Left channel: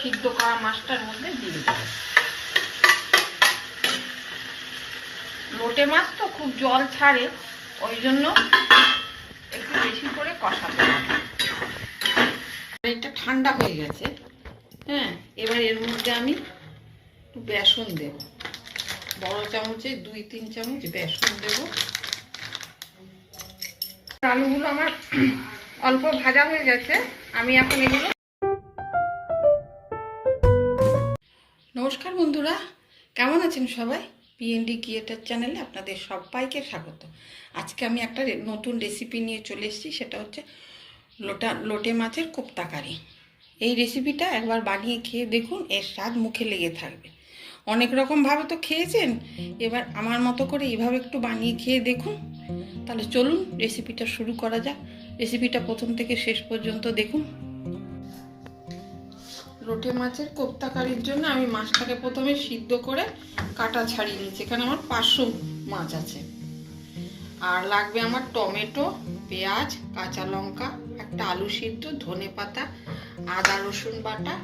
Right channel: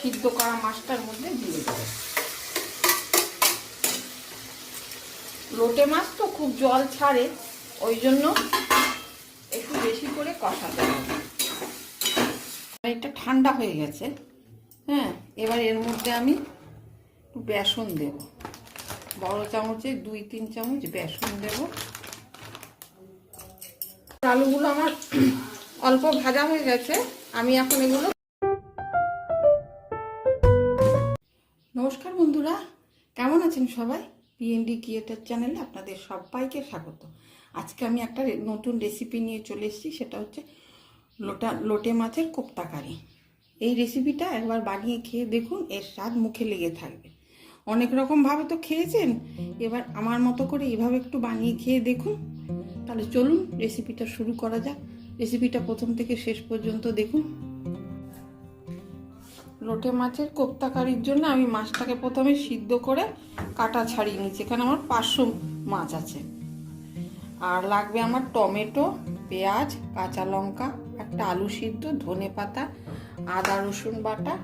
সিদ্ধ করা মাছটার মধ্যে দিয়ে দেবো। লোটে মাছ তো খুব জল ছাড়ে, ওই জন্য একটু বেশি করে কষাতে হবে। এটা ঠান্ডা হয়ে গেছে। হ্যাঁ, এবার এর মধ্যে আমি একটু বেসন দেব, বড় চামচে 2-3 চামচ বেসন দেব। আলুগুলো আমার অল্প ভাজা হয়ে গেছে, আমি এখন এগুলো। নমস্কার বন্ধুরা, কেমন আছেন সবাই? পিএনডি ক্রিয়েটর চ্যানেলে আপনাদের সবাইকে স্বাগত। আজকে আমি একটা নতুন রেসিপি নিয়ে চলে এসেছি, সেটা হচ্ছে লোটে মাছের কোপ্তা কারি। এই রেসিপিটা একবার বানিয়ে খেয়ে দেখুন, এর স্বাদ মুখে লেগে থাকবে। অনেক রকমভাবে তো খেয়েছেন, এবার আমার মতো করে এভাবে একটু বানিয়ে খেয়ে দেখুন। তাহলে চলুন রেসিপিটা শুরু করা যাক। রেসিপিটা প্রথম থেকে শেষ পর্যন্ত দেখুন। লোটে মাছের কোপ্তা কারির জন্য আমি মাছটাকে প্রথমে সিদ্ধ করে কাটা ছাড়িয়ে নিয়েছি। এখানে আমার 500 মাছ আছে। আর লাগবে আমার টমেটো, পেঁয়াজ, কাঁচা লঙ্কা, একটা আলু সিদ্ধ, ধনে পাতা, আদা রসুন বাটা,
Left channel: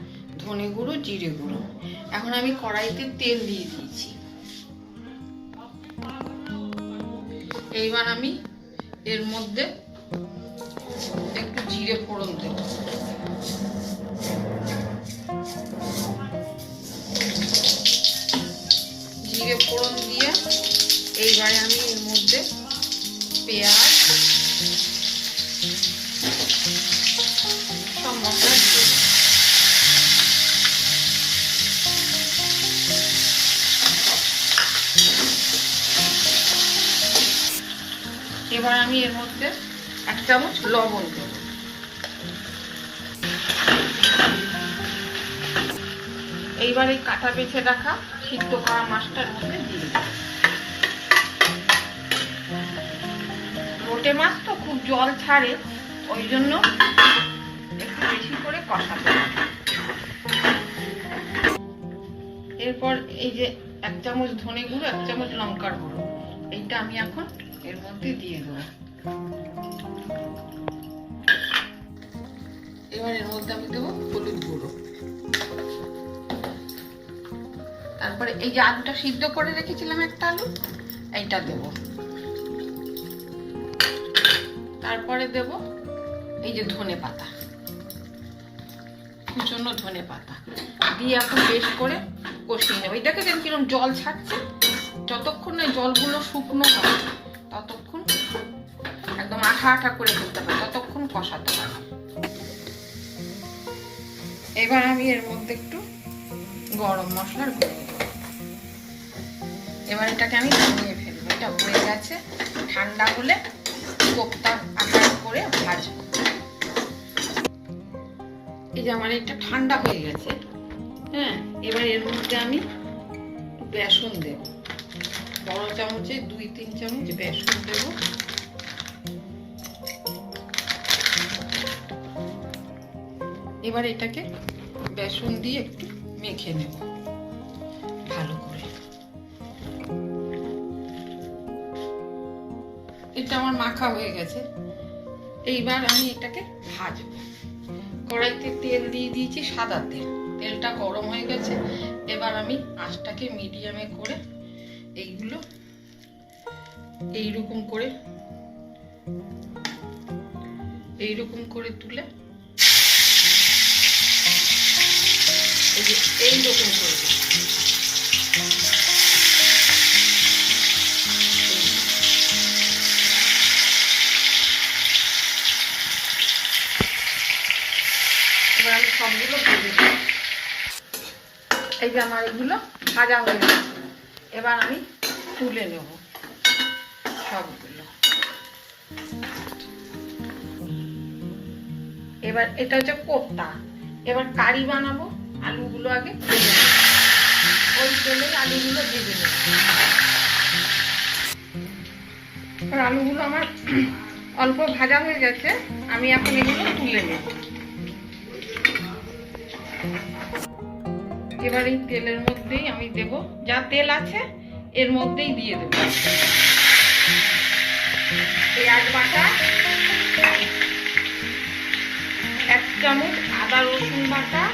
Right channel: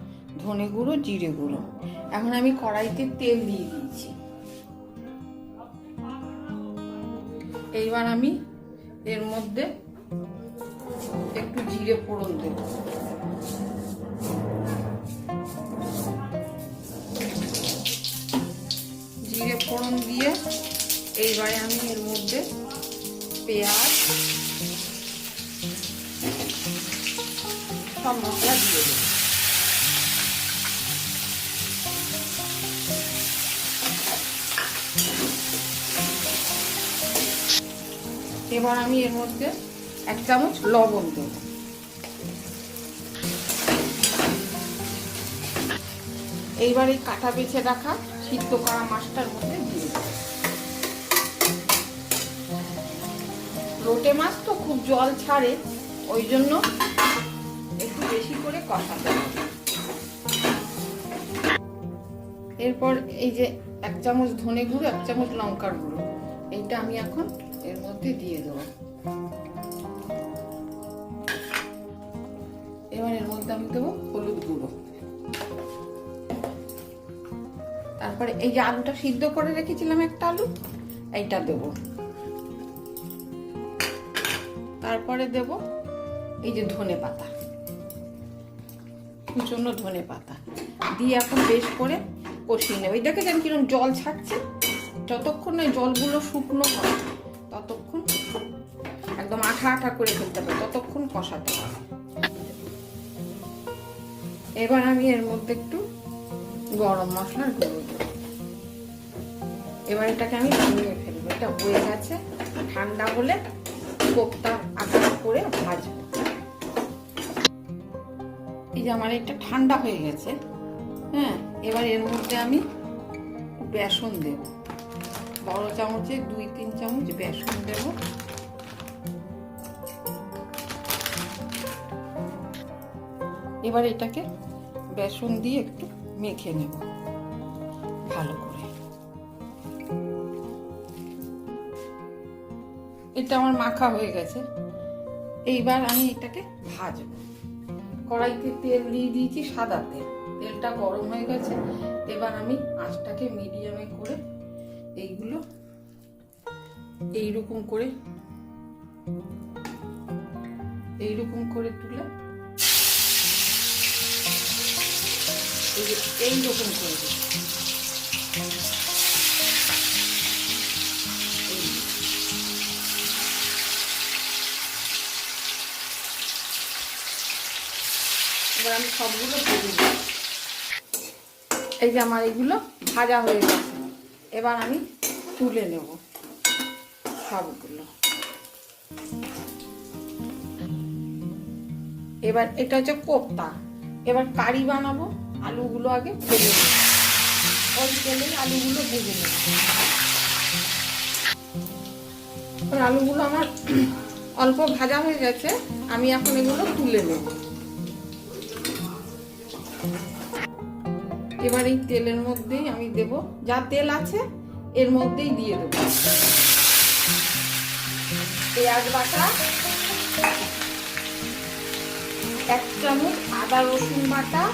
ধনে গুঁড়ো, জিরে গুঁড়ো। এখন আমি কড়াইতে তেল দিয়ে দিয়েছি। এইবার আমি এর মধ্যে একটু জিরে ফোড়ন দেব। জিরে ফোড়ন দিয়ে এইবারে আমি এর মধ্যে পেঁয়াজ, সব মশলা দিয়ে দেব। এবার আমি এর মধ্যে 1 চামচ লবণ দেব। এইবার এই কাটা বেছে রাখা সিদ্ধ করা মাছটার মধ্যে দিয়ে দেব। লোটে মাছ তো খুব জল ছাড়ে, ওই জন্য একটু বেশি করে কষাতে হবে। এরপর এই যে 1 চামচ ধনে গুঁড়ো, 1 চামচ লঙ্কার গুঁড়ো, এইটা আমি এখন এর মধ্যে দিয়ে দেবো। এবার এর মধ্যে আমি দেবো হলুদ গুঁড়ো। তারপরে এই যে আলুটা সিদ্ধ করে রেখেছিলাম, একটা আলু, এইটা দেব। তারপরে দেব এই যে ধনে পাতা, কুচনো ধনে পাতা দিয়ে এখন বেশ করে কষিয়ে নেব। এই দেখেছেন কিরকম জল ছাড়ছে? যতক্ষণ না জলগুলো শুকনো হয় ততক্ষণ, একদম আঠা আঠা করে ফেলতে হবে, ততক্ষণ কষাতে হবে। এবার আমি এর মধ্যে একটু গরম মশলার গুঁড়ো দেব। এবার এটাকে আমি নামিয়ে ফেলবো। এটা হয়ে গেছে, ঠান্ডা হলে কোপ্তা আকার করে ভাজবো। এই যে আমার এটা ঠান্ডা হয়ে গেছে। হ্যাঁ, এবার এর মধ্যে আমি বেসন দেব, বড় চামচে 2-3 চামচ বেসন দেব। এবার এটাকে বেসন দিয়ে একটু মেখে নেব ভালো করে। এটা আমার মাখা হয়ে গেছে। এইবার আমি এটাকে ভাজবো। কড়াইতে তেল দিয়ে দিয়েছি, সাদা তেল। তেলটা গরম হয়ে গেছে। এবার আমি আঁচটাকে মিডিয়ামে করে এইগুলো এইরকম করে তুলে এইরকম করে দেব। এবার আমি সবগুলো ভেজে দেব। এই যে আমার এগুলো ভাজা হয়ে গেছে। এবার আমি তুলে নেব সবগুলো। এবার এটা হচ্ছে কোপ্তা। এবার কারি বানাবো। আলুগুলো আগে ভেজে নেব, ওই তেলে আলুগুলো ভেজে নেব। এবার আলুগুলো আমার অল্প ভাজা হয়ে গেছে, আমি এখন এগুলো তুলে নেব। এবার এই তেলের মধ্যেই আমি দেব, যা তেল আছে এর মধ্যেই দিয়ে দেব পেঁয়াজ বাটা, 1 চামচ আদা রসুন বাটা,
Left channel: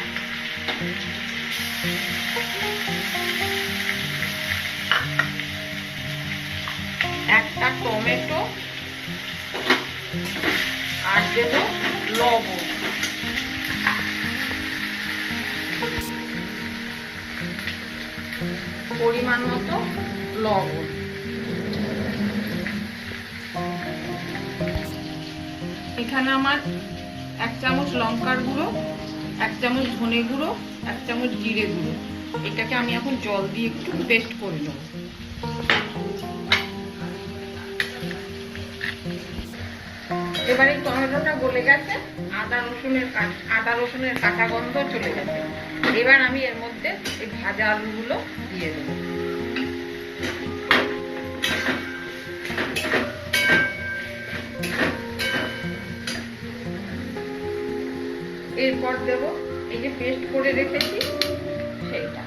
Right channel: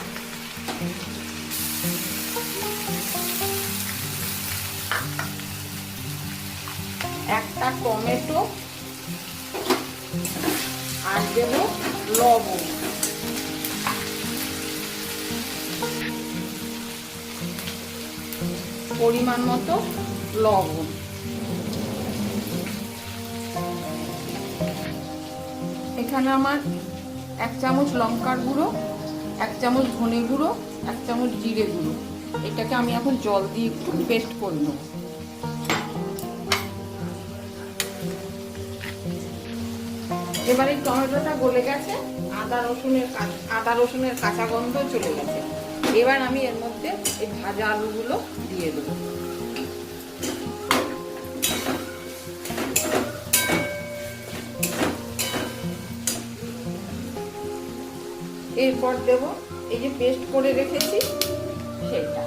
একটা টমেটো আর দেব লবণ। পরিমাণ মতো লবণ। এখানে আমার 1 চামচ লঙ্কার গুঁড়ো, 1 চামচ ধনে গুঁড়ো, 1 চামচ জিরে গুঁড়ো। এটাকে আমি এখন জল দিয়ে একটু পেস্ট করে নেব। এবারে টমেটোটা গলে গেছে, আদা রসুনের কাঁচা গন্ধ চলে গেছে। এবার আমি এর মধ্যে এই ভাজা আলুগুলো দিয়ে দেব। এরপর দেব এই যে পেস্ট করে রেখেছি সেইটা।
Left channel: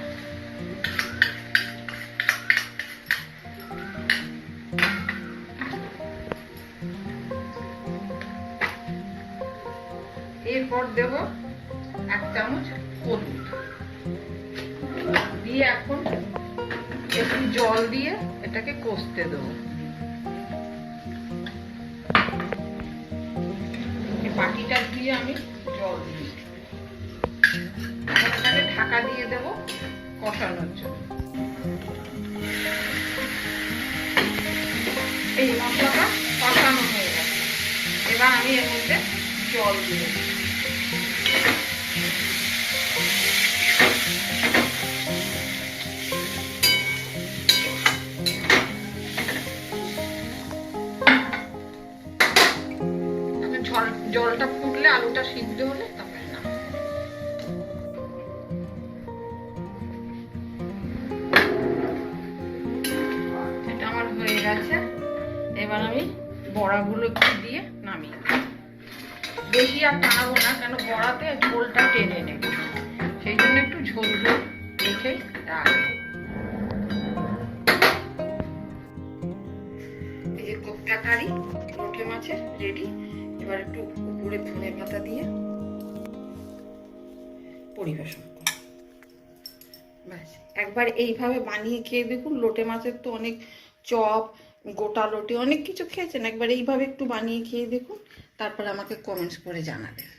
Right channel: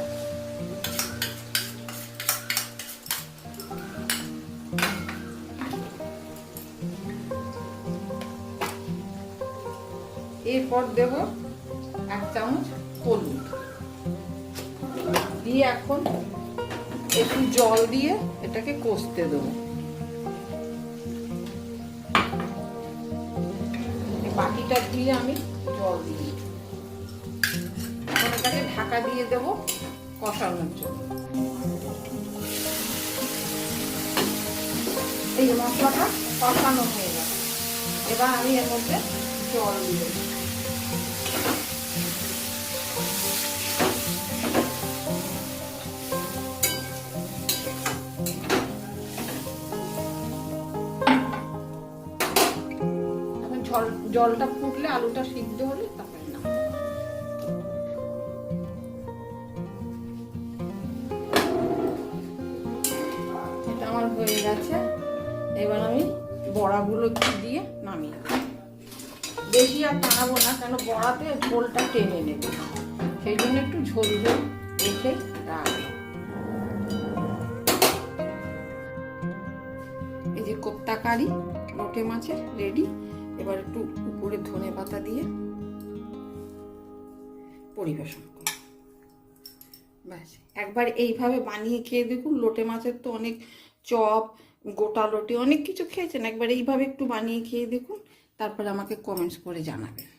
এরপর দেব 1 চামচ হলুদ দিয়ে এখন একটু জল দিয়ে এটাকে কষতে দেবো। বাটিটা দিয়ে আমি জল দিই, এটাকে ঢাকা দিয়ে দেবো কষানোর জন্য। এই মশলাটা কষানো হয়ে গেছে, এবার আমি এর মধ্যে জল দিয়ে দেবো। জলটা ফুটলে আলুটা সিদ্ধ হলে তারপরে না। এটা আমার হয়ে গেছে, এবার আমি বড়াগুলো একটু দিয়ে নামিয়ে দেব। বেশি আর টানাবো না, কেন বড়াতে ঝোলটা টেনে নেবে, সেই জন্য একটু ঝোল ঝোল রেখে রাখবো। এই যে কোপ্তা কারি লোটে মাছের রেডি। এবার একটু উপরে ধনে পাতা দিয়ে পরিবেশন করুন। ব্যাস, একবার এইভাবে বানিয়ে খেয়ে দেখুন। লোটে মাছের তো অনেক চপ, গোটা লোটে অনেক কিছু খেয়েছেন, একবার এইভাবে একটু বানিয়ে খেয়ে দেখুন, তারপরে আমাকে কমেন্টস করে জানাবেন।